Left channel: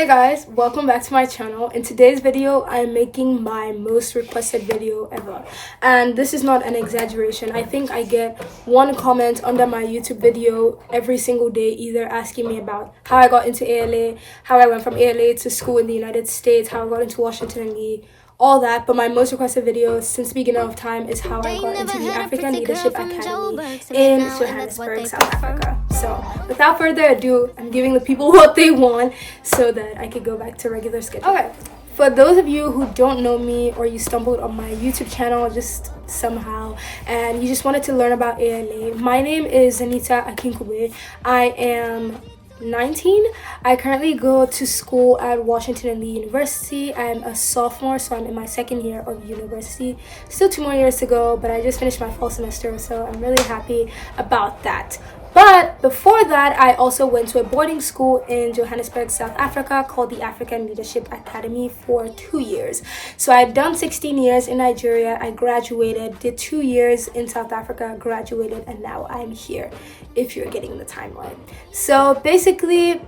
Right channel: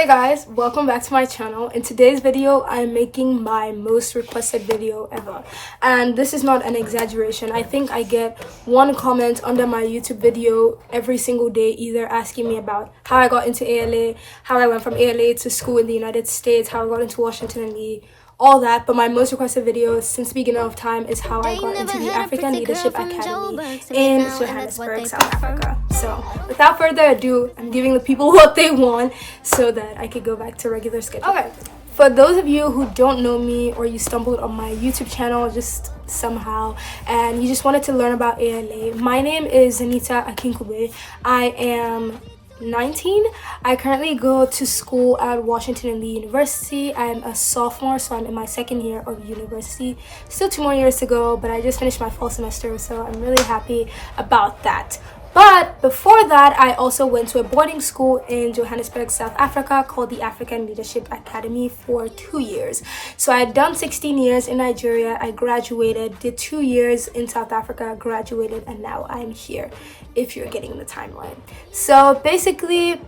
Hey guys, welcome back to my channel. In today's video, I'm making my most requested video ever. And this is not an exaggeration. I think I get one comment under my YouTube video every single day, either asking me about how I got into ALA, how I went from ALA to school in the United States, how I got into Washington and Lee, all that. But my most requested video since the beginning of time is how I got into the African Leadership Academy in Johannesburg, South Africa. So without further ado, I'm giving the people what they want so that I could go back to regular schedule. Okay, for those of you who don't know me or you stumbled on my YouTube channel just somehow and you just wanted to learn about ALA, my name is ZZ.ARCHIVES. I am 19. I currently go to school at Washington and Lee University. I'm a sophomore, so I'm in my second year of university. Still 2 more years to go, but I just finished my fall semester, so I'm really happy about that. But before that, I also went to a boarding school in Johannesburg, South Africa called the African Leadership Academy for 2 years. So I had done 16 years in Nigeria. I graduated, did 2 years in South Africa, graduated, and now I'm here, if you're getting the timeline. So basically,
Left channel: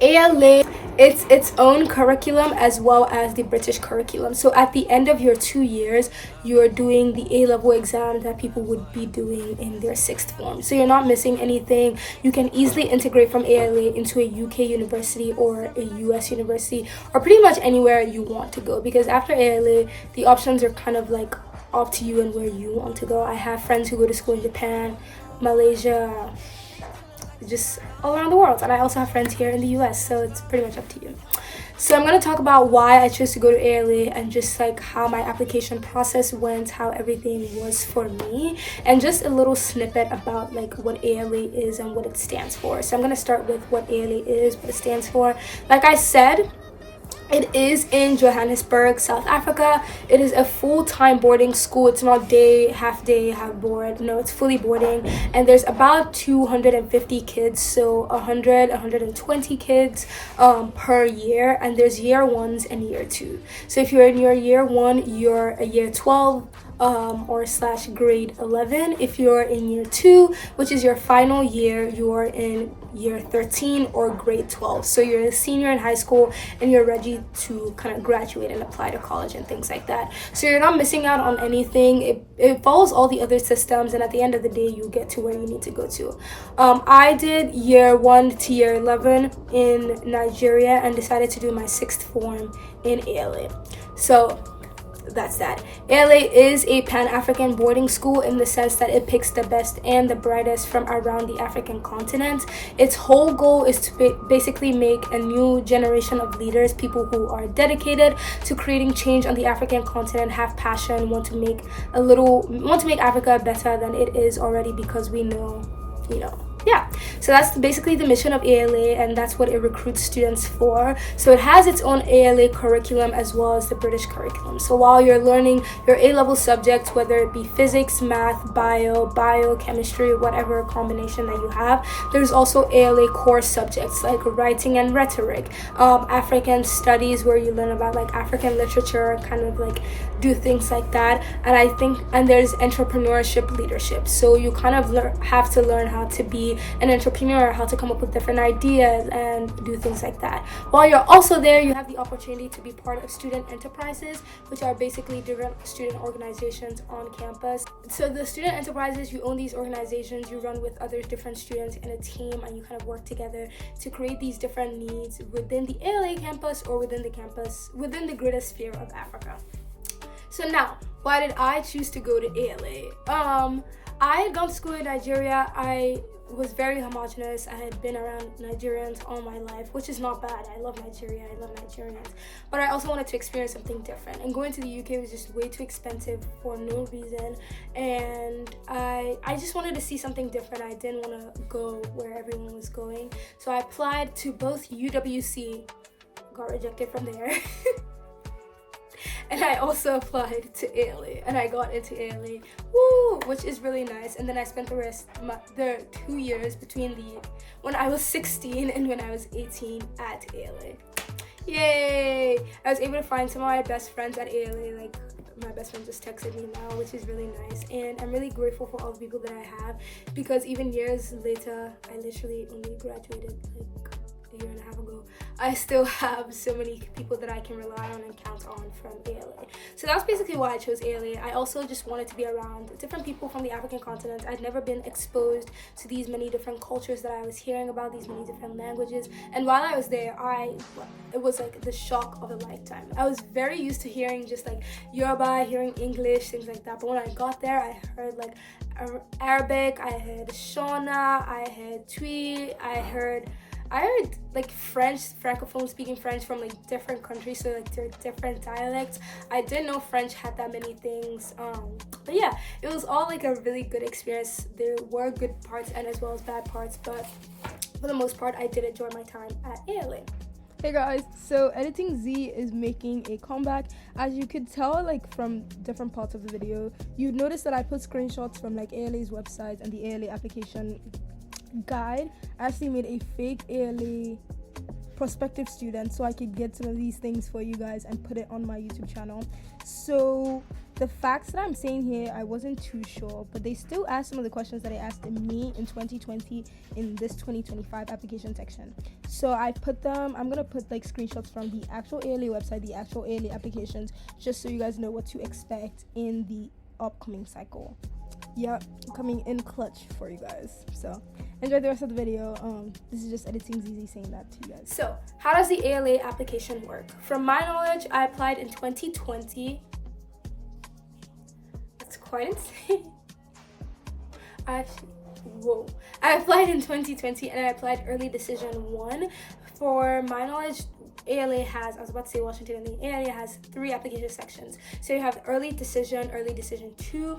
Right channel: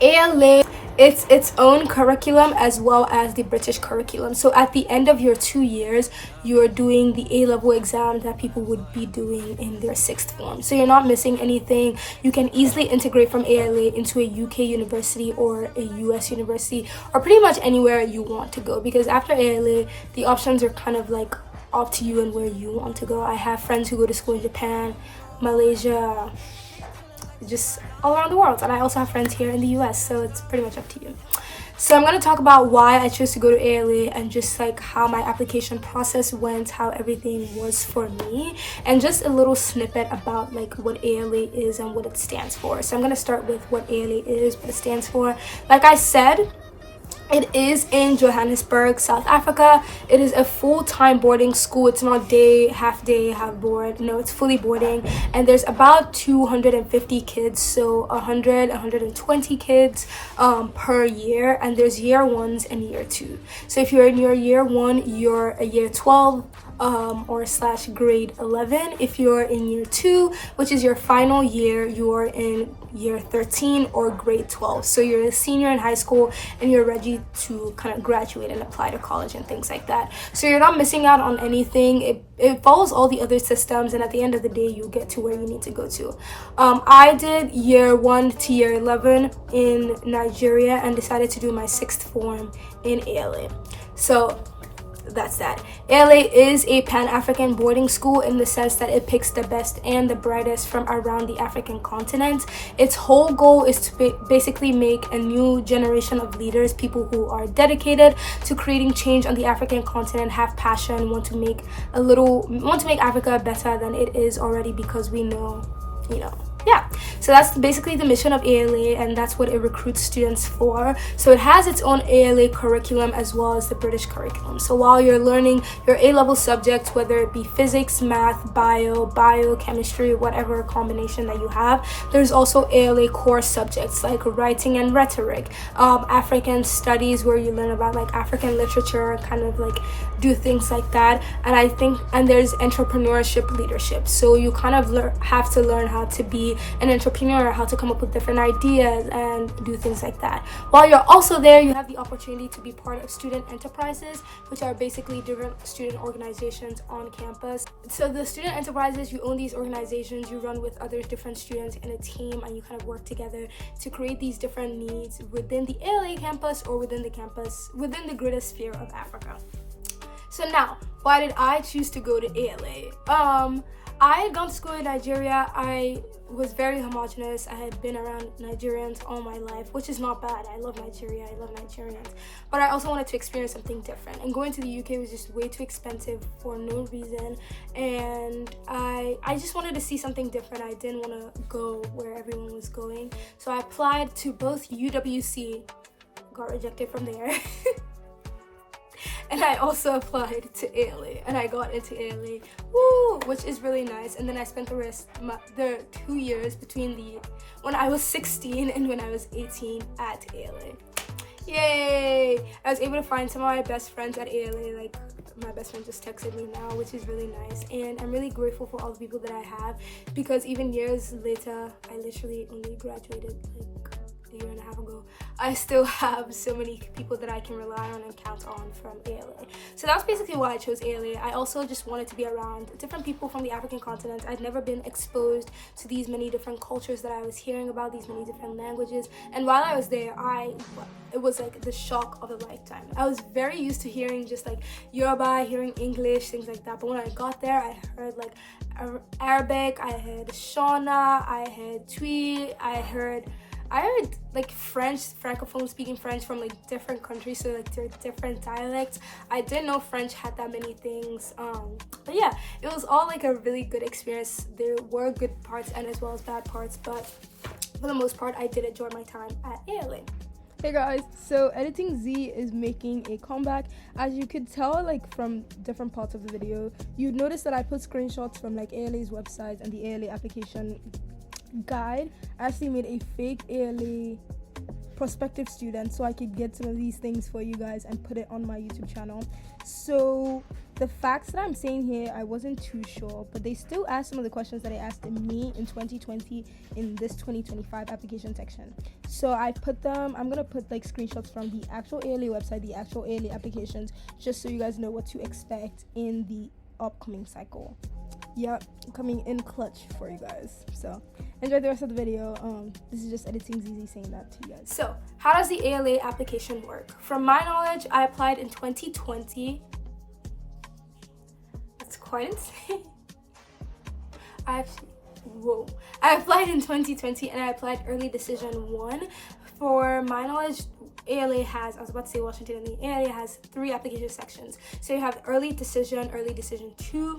ALA, it's its own curriculum as well as the British curriculum. So at the end of your 2 years, you're doing the A-level exam that people would be doing in their 6th form. So you're not missing anything. You can easily integrate from ALA into a UK university or a US university or pretty much anywhere you want to go, because after ALA, the options are kind of like up to you and where you want to go. I have friends who go to school in Japan, Malaysia, just all around the world, and I also have friends here in the US, so it's pretty much up to you. So I'm going to talk about why I chose to go to ALA and just like how my application process went, how everything was for me, and just a little snippet about like what ALA is and what it stands for. So I'm going to start with what ALA is, what it stands for. Like I said, it is in Johannesburg, South Africa. It is a full-time boarding school. It's not half day, half board. No, it's fully boarding. And there's about 250 kids, so 120 kids per year. And there's year ones and year two. So if you're in your year one, you're a year 12 or / grade 11. If you're in year 2, which is your final year, you're in year 13 or grade 12. So you're a senior in high school and you're ready to kind of graduate and apply to college and things like that. So you're not missing out on anything. It follows all the other systems, and at the end of the day, you get to where you need to go to. I did year 1 to year 11 in Nigeria and decided to do my 6th form in ALA. So that's that. ALA is a Pan-African boarding school in the sense that it picks the best and the brightest from around the African continent. Its whole goal is to basically make a new generation of leaders, people who are dedicated to creating change on the African continent, have passion, want to make Africa better than it is already, because we know, yeah. So that's basically the mission of ALA, and that's what it recruits students for. So it has its own ALA curriculum as well as the British curriculum. So while you're learning your A-level subjects, whether it be physics, math, biochemistry, whatever combination that you have, there's also ALA core subjects like writing and rhetoric, African studies, where you learn about like African literature, kind of like do things like that. And there's entrepreneurship leadership. So you kind of have to learn how to be an entrepreneur, how to come up with different ideas and do things like that. While you're also there, you have the opportunity to be part of student enterprises, which are basically different student organizations on campus. So the student enterprises, you own these organizations, you run with other different students in a team, and you kind of work together to create these different needs within the ALA campus or within the greater sphere of Africa. So now, why did I choose to go to ALA? I had gone to school in Nigeria. I was very homogenous. I had been around Nigerians all my life, which is not bad. I love Nigeria. I love Nigerians. But I also wanted to experience something different. And going to the UK was just way too expensive for no reason. And I just wanted to see something different. I didn't want to go where everyone was going. So I applied to both UWC, got rejected from there. And I also applied to ALA, and I got into ALA, which is really nice. And then I spent the 2 years between when I was 16 and when I was 18 at ALA. Yay! I was able to find some of my best friends at ALA. Like, my best friend just texted me now, which is really nice. And I'm really grateful for all the people that I have, because even years later, I literally only graduated like a year and a half ago. I still have so many people that I can rely on and count on from ALA. So that's basically why I chose ALA. I also just wanted to be around different people from the African continent. I'd never been exposed to these many different cultures that I was hearing about, these many different languages. And while I was there, it was like the shock of a lifetime. I was very used to hearing just like Yoruba, hearing English, things like that. But when I got there, I heard like Arabic, I heard Shona, I heard Twi, I heard like French, francophone speaking French from like different countries, so like there are different dialects. I didn't know French had that many things, but yeah, it was all like a really good experience. There were good parts and as well as bad parts, but for the most part I did enjoy my time at ALA. Hey guys, so Editing Z is making a comeback. As you could tell, like from different parts of the video, you'd notice that I put screenshots from like ALA's website and the ALA application guide. I actually made a fake ALA prospective student so I could get some of these things for you guys and put it on my YouTube channel. So the facts that I'm saying here, I wasn't too sure, but they still asked some of the questions that they asked me in 2020 in this 2025 application section. So I put them, I'm gonna put like screenshots from the actual ALA website, the actual ALA applications, just so you guys know what to expect in the upcoming cycle. Yep, coming in clutch for you guys. So enjoy the rest of the video. This is just Editing ZZ saying that to you guys. So how does the ALA application work? From my knowledge, I applied in 2020. That's quite insane. I applied in 2020 and I applied early decision 1. For my knowledge, ALA has, I was about to say Washington, and the ALA has 3 application sections. So you have early decision 2,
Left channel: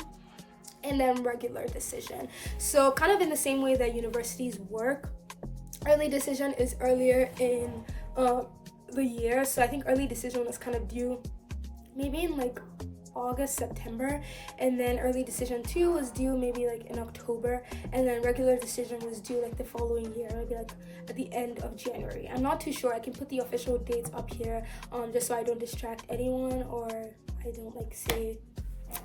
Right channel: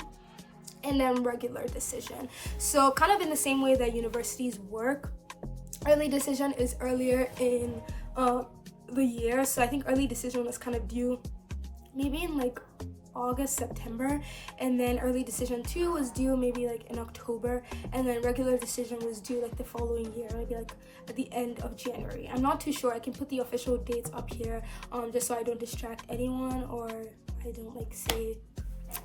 and then regular decision. So kind of in the same way that universities work, early decision is earlier in the year. So I think early decision was kind of due maybe in like August, September, and then early decision 2 was due maybe like in October, and then regular decision was due like the following year, maybe like at the end of January. I'm not too sure. I can put the official dates up here just so I don't distract anyone or I don't like say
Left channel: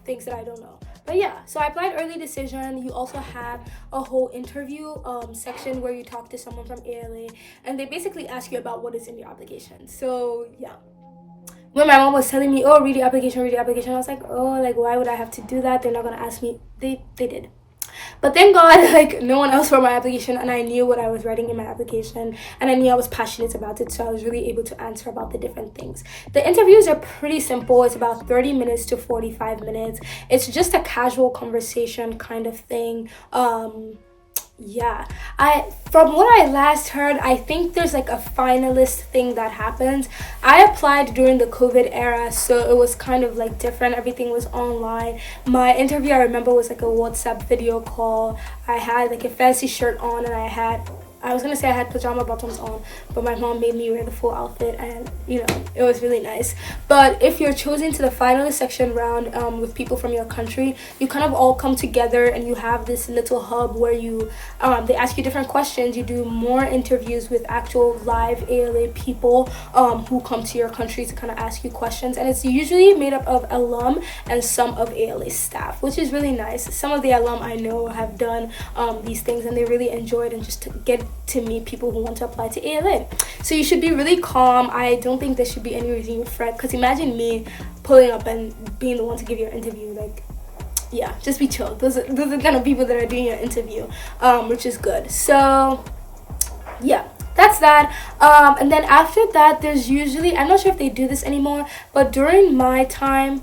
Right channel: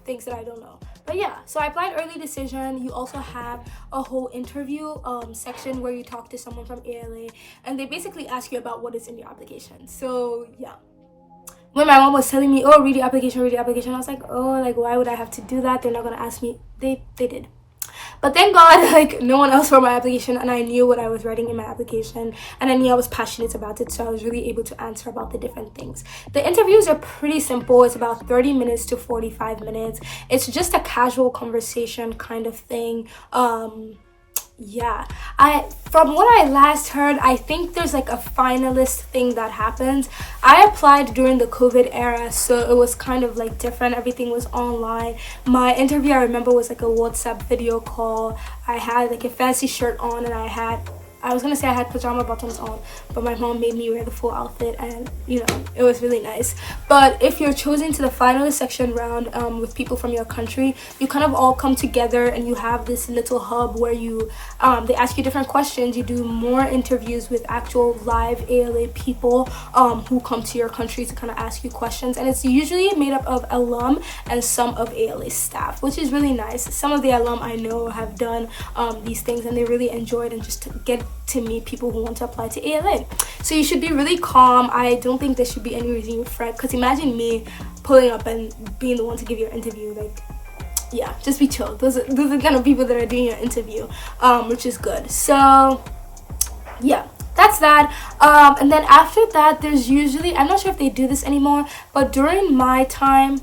things that I don't know. But yeah, so I applied early decision. You also have a whole interview section where you talk to someone from ALA and they basically ask you about what is in your application. So yeah, when my mom was telling me, oh, read the application, I was like, oh, like why would I have to do that? They're not gonna ask me. They did. But thank God, like no one else wrote my application, and I knew what I was writing in my application, and I knew I was passionate about it, so I was really able to answer about the different things. The interviews are pretty simple. It's about 30 minutes to 45 minutes. It's just a casual conversation kind of thing. Yeah, from what I last heard, I think there's like a finalist thing that happens. I applied during the COVID era, so it was kind of like different. Everything was online. My interview, I remember, was like a WhatsApp video call. I had like a fancy shirt on, and I was gonna say I had pajama bottoms on, but my mom made me wear the full outfit, and you know, it was really nice. But if you're chosen to the finalist section round with people from your country, you kind of all come together and you have this little hub where you they ask you different questions. You do more interviews with actual live ALA people who come to your country to kind of ask you questions, and it's usually made up of alum and some of ALA staff, which is really nice. Some of the alum I know have done these things and they really enjoyed, and just to get to meet people who want to apply to ALA. So you should be really calm. I don't think there should be any reason you fret, because imagine me pulling up and being the one to give your interview. Like, yeah, just be chill. Those are the kind of people that are doing your interview, which is good. So yeah, that's that. And then after that, there's usually, I'm not sure if they do this anymore, but during my time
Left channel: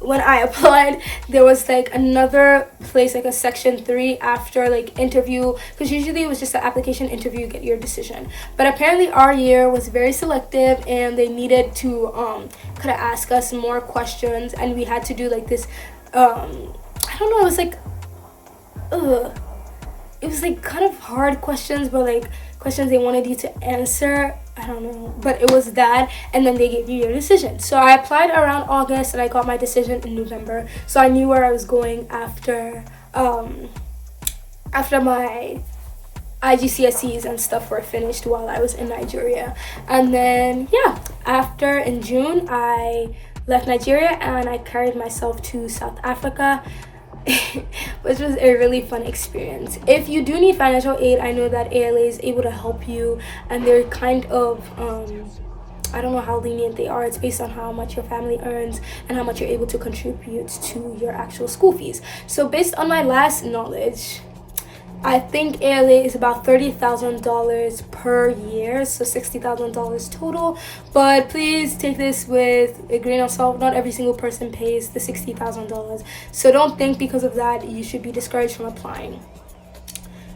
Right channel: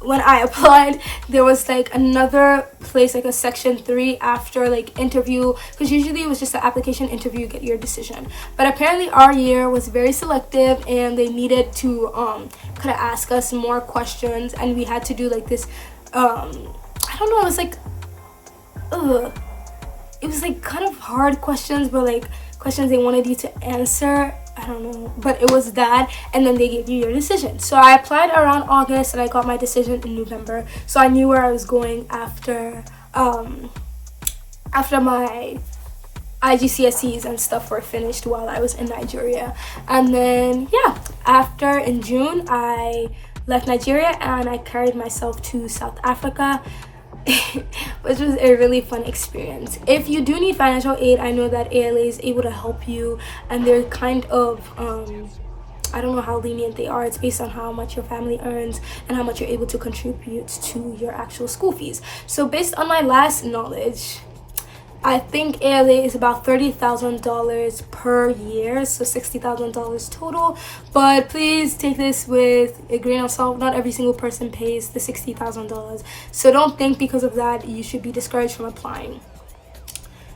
when I applied, there was like another place, like a section 3 after like interview, because usually it was just an application interview, get your decision. But apparently our year was very selective and they needed to kind of ask us more questions, and we had to do like this I don't know, it was like kind of hard questions, but like questions they wanted you to answer. I don't know, but it was that, and then they gave you your decision. So I applied around August and I got my decision in November, so I knew where I was going after my IGCSEs and stuff were finished while I was in Nigeria. And then yeah, in June I left Nigeria and I carried myself to South Africa. which was a really fun experience. If you do need financial aid, I know that ALA is able to help you, and they're kind of I don't know how lenient they are. It's based on how much your family earns and how much you're able to contribute to your actual school fees. So based on my last knowledge, I think ALA is about $30,000 per year, so $60,000 total. But please take this with a grain of salt. Not every single person pays the $60,000. So don't think because of that you should be discouraged from applying.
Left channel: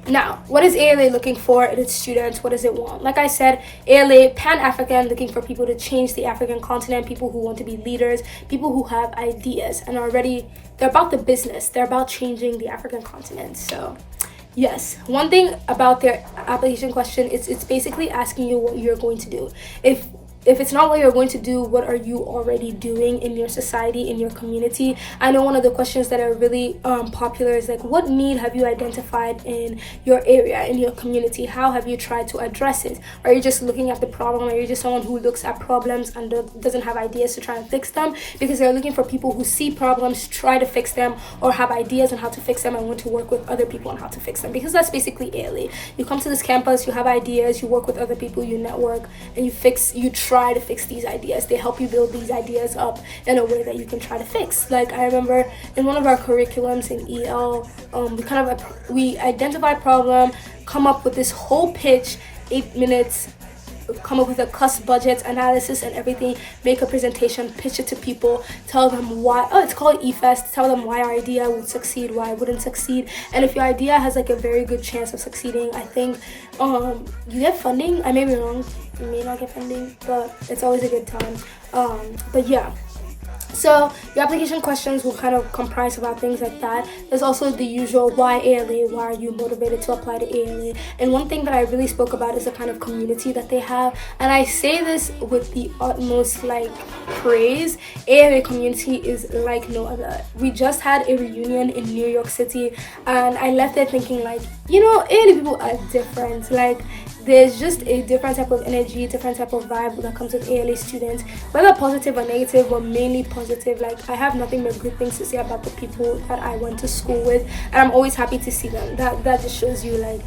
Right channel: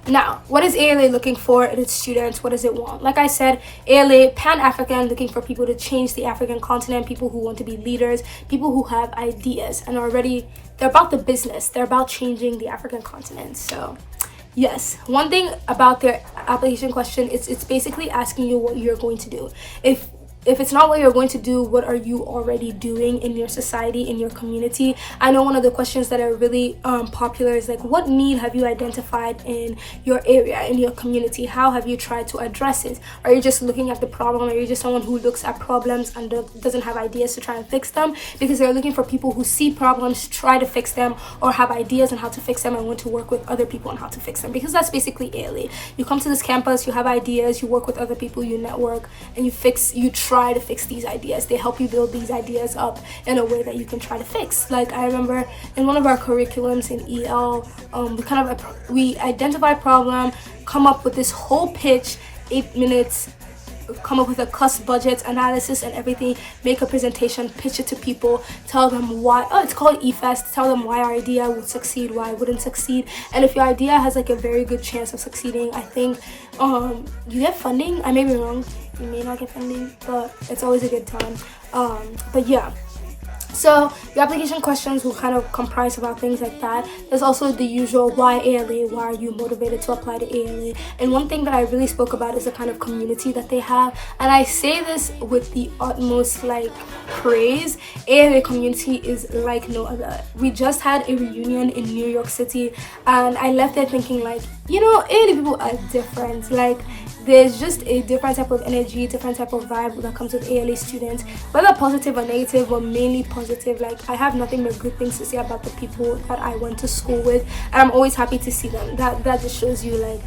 Now, what is ALA looking for in its students? What does it want? Like I said, ALA, Pan-African, looking for people to change the African continent, people who want to be leaders, people who have ideas and are ready. They're about the business. They're about changing the African continent. So yes, one thing about their application question is it's basically asking you what you're going to do. If it's not what you're going to do, what are you already doing in your society, in your community? I know one of the questions that are really popular is like, what need have you identified in your area, in your community? How have you tried to address it? Are you just looking at the problem? Are you just someone who looks at problems and doesn't have ideas to try and fix them? Because they're looking for people who see problems, try to fix them, or have ideas on how to fix them and want to work with other people on how to fix them. Because that's basically ALA. You come to this campus, you have ideas, you work with other people, you network, and you try to fix these ideas. They help you build these ideas up in a way that you can try to fix. Like I remember in one of our curriculums in EL, we identify problem, come up with this whole pitch, 8 minutes, come up with a cost budget analysis and everything, make a presentation, pitch it to people, tell them why. It's called eFest. Tell them why our idea would succeed, why it wouldn't succeed, and if your idea has like a very good chance of succeeding, I think you get funding. I may be wrong, you may not get funding, but it's always a good time. But yeah, so your application questions will kind of comprise about things like that. There's also the usual why ALA, why are you motivated to apply to ALA? And one thing that I really spoke about is the kind of community that they have. And I say this with the utmost like praise. ALA community is like no other. We just had a reunion in New York City and I left there thinking like, you know, ALA people are different. Like there's just a different type of energy, different type of vibe that comes with ALA students, whether positive or negative, but mainly positive. Like I have nothing but good things to say about the people that I went to school with, and I'm always happy to see them. That just shows you like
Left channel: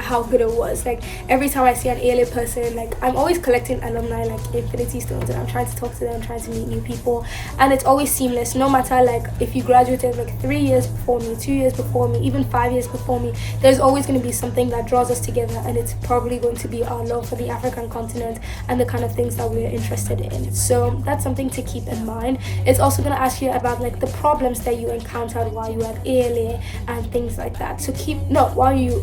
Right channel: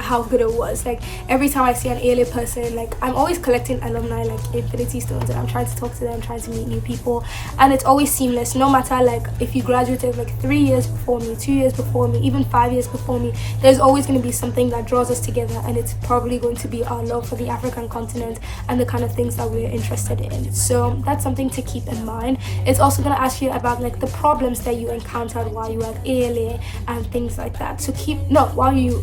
how good it was. Like every time I see an ALA person, like I'm always collecting alumni like infinity stones and I'm trying to talk to them, trying to meet new people, and it's always seamless. No matter like if you graduated like 3 years before me, 2 years before me, even 5 years before me, there's always going to be something that draws us together, and it's probably going to be our love for the African continent and the kind of things that we're interested in. So that's something to keep in mind. It's also going to ask you about like the problems that you encountered while you were at ALA and things like that. So while you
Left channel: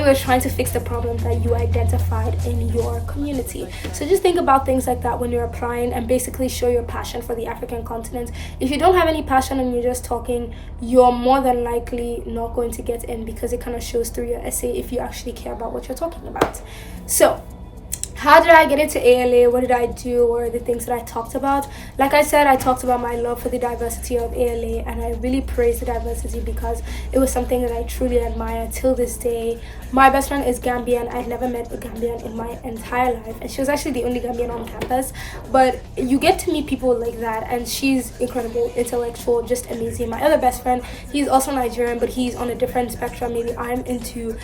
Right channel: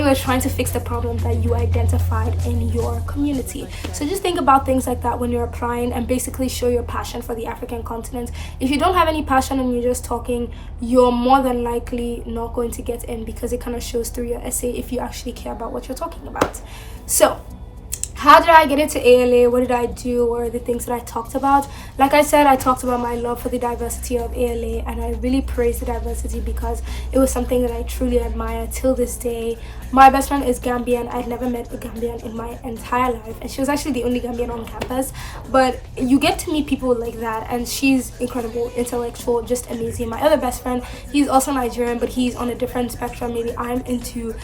were trying to fix the problem that you identified in your community. So just think about things like that when you're applying and basically show your passion for the African continent. If you don't have any passion and you're just talking, you're more than likely not going to get in, because it kind of shows through your essay if you actually care about what you're talking about. So how did I get into ALA? What did I do? What are the things that I talked about? Like I said, I talked about my love for the diversity of ALA, and I really praise the diversity because it was something that I truly admire till this day. My best friend is Gambian. I've never met a Gambian in my entire life, and she was actually the only Gambian on campus. But you get to meet people like that, and she's incredible, intellectual, just amazing. My other best friend, he's also Nigerian, but he's on a different spectrum. Maybe I'm into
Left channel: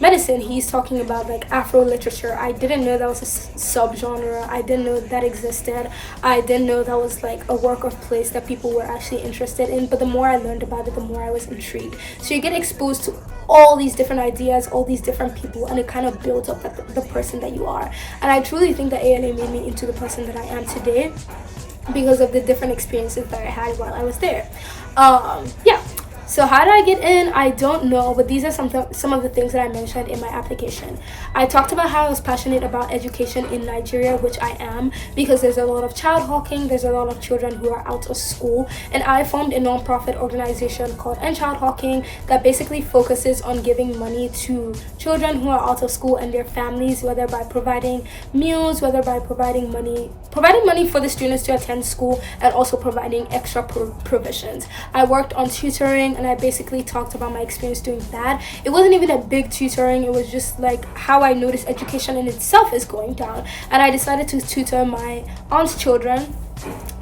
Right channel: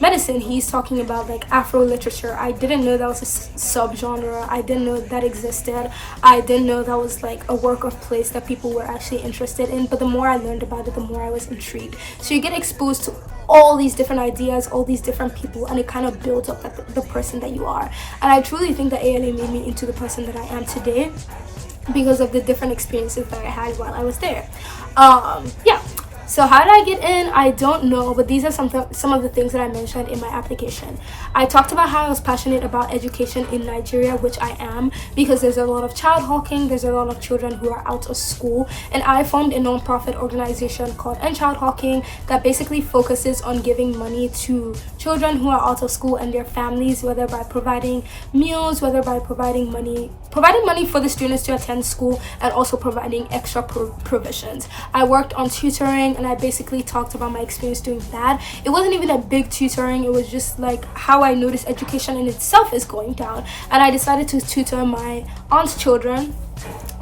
medicine. He's talking about like Afro literature. I didn't know that was a subgenre. I didn't know that existed. I didn't know that was like a work of place that people were actually interested in. But the more I learned about it, the more I was intrigued. So you get exposed to all these different ideas, all these different people, and it kind of builds up the person that you are. And I truly think that ALA made me into the person that I am today because of the different experiences that I had while I was there. Yeah. So how did I get in? I don't know, but these are some of the things that I mentioned in my application. I talked about how I was passionate about education in Nigeria, which I am, because there's a lot of child hawking, there's a lot of children who are out of school, and I formed a non-profit organization called End Child Hawking that basically focuses on giving money to children who are out of school and their families, whether by providing meals, whether by providing money for the students to attend school, and also providing extra provisions. I worked on tutoring, and I basically talked about my experience doing that. It wasn't even a big tutoring, it was just like how I noticed education in itself is going down, and I decided to tutor my aunt's children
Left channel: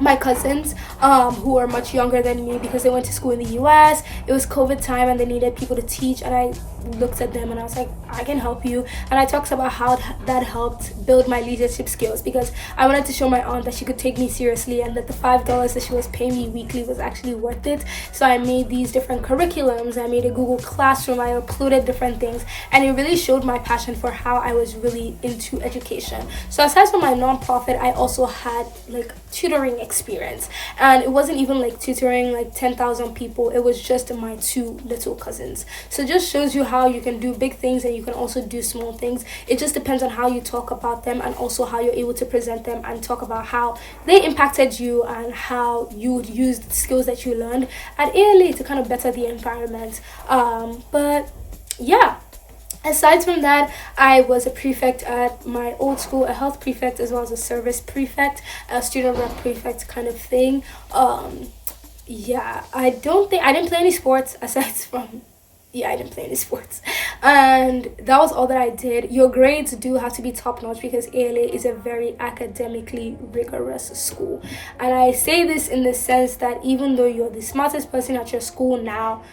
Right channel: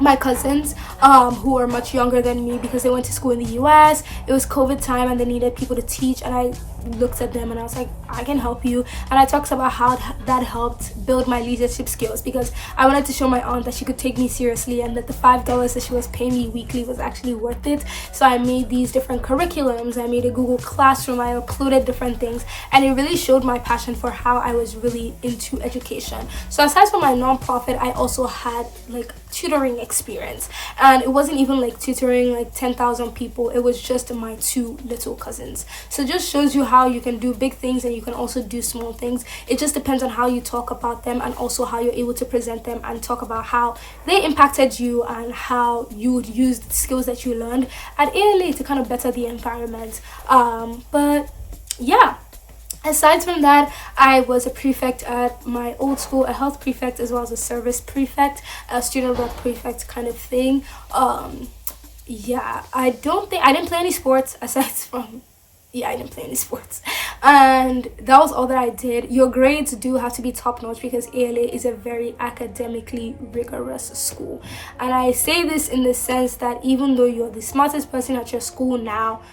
my cousins who are much younger than me because they went to school in the US. It was COVID time and they needed people to teach, and I looked at them and I was like, I can help you. And I talked about how that helped build my leadership skills, because I wanted to show my aunt that she could take me seriously and that the $5 that she was paying me weekly was actually worth it. So I made these different curriculums, I made a Google Classroom, I uploaded different things, and it really showed my passion for how I was really into education. So aside from my nonprofit, I also had like tutoring experience, and it wasn't even like tutoring like 10,000 people, it was just my 2 little cousins. So it just shows you how you can do big things and you can also do small things. It just depends on how you talk about them and also how you're able to present them and talk about how they impacted you and how you would use the skills that you learned at ALA to kind of better the environment. But yeah, aside from that, I was a prefect at my old school, a health prefect as well as a service prefect, a student rep prefect kind of thing. Yeah, I didn't play any sports aside from, I didn't play any sports, and that was all that I did. Your grades do have to be top notch because ALA is a very academically rigorous school, and I say this in the sense that even though you're the smartest person at your school now,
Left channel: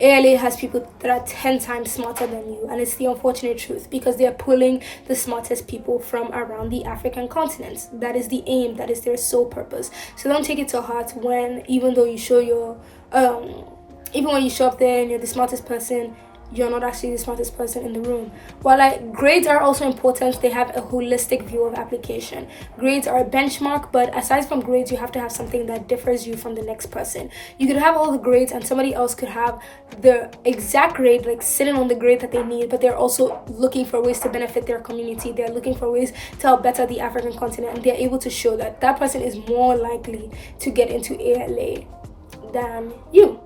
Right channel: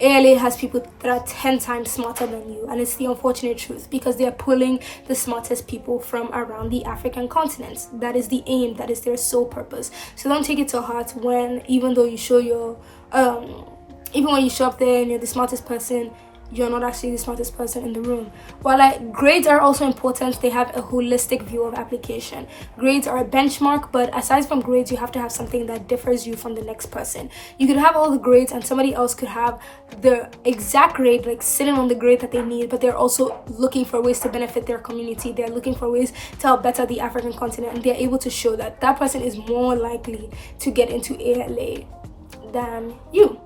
ALA has people that are 10 times smarter than you, and it's the unfortunate truth because they're pulling the smartest people from around the African continent. That is the aim, that is their sole purpose. So don't take it to heart when, even though you show your even when you show up there and you're the smartest person, you're not actually the smartest person in the room. While grades are also important, they have a holistic view of application. Grades are a benchmark, but aside from grades, you have to have something that differs you from the next person. You could have all the grades and somebody else could have the exact grade, like sitting on the grade that they need, but they're also looking for ways to benefit their community. They're looking for ways to help better the African continent, and they're able to show that that person is more likely to get into ALA than you.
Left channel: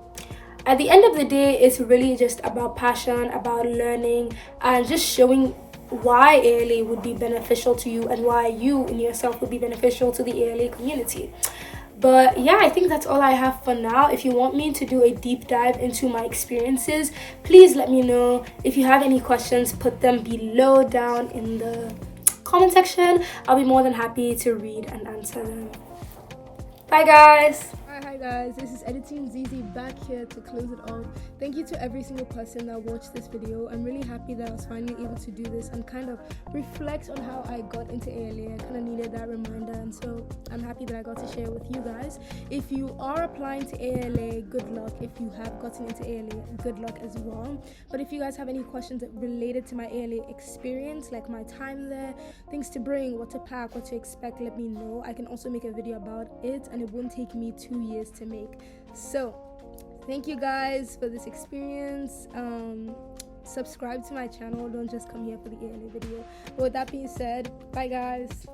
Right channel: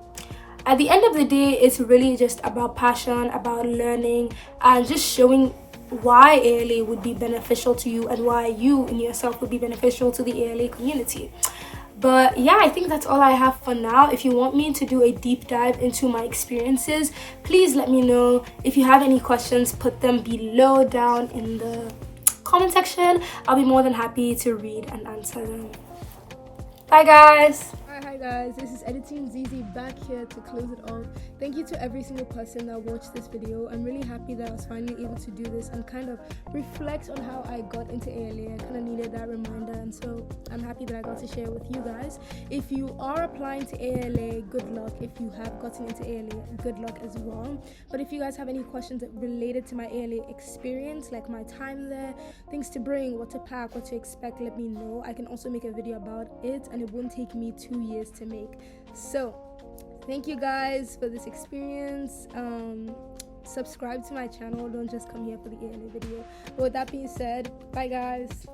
At the end of the day, it's really just about passion, about learning, and just showing why ALA would be beneficial to you and why you in yourself would be beneficial to the ALA community. But yeah, I think that's all I have for now. If you want me to do a deep dive into my experiences, please let me know. If you have any questions, put them below down in the comment section. I'll be more than happy to read and answer them. Bye guys. Hi guys, this is Editing ZZ back here to close it off. Thank you to every single person that watched this video. I'm really happy that I was finally able to do this and kind of reflect on how I got into ALA. I kind of needed that reminder, and so I'm happy that I got to share with you guys. If you are applying to ALA, good luck. If you have gotten into ALA, good luck as well. But if you guys have any questions related to my ALA experience, like my time there, things to bring, what to pack, what to expect, let me know. I can also make a video about it, and it won't take me 2 years to make. So thank you guys for this experience. Subscribe to my channel, don't just come here for the ALA video. But with that being said, bye guys.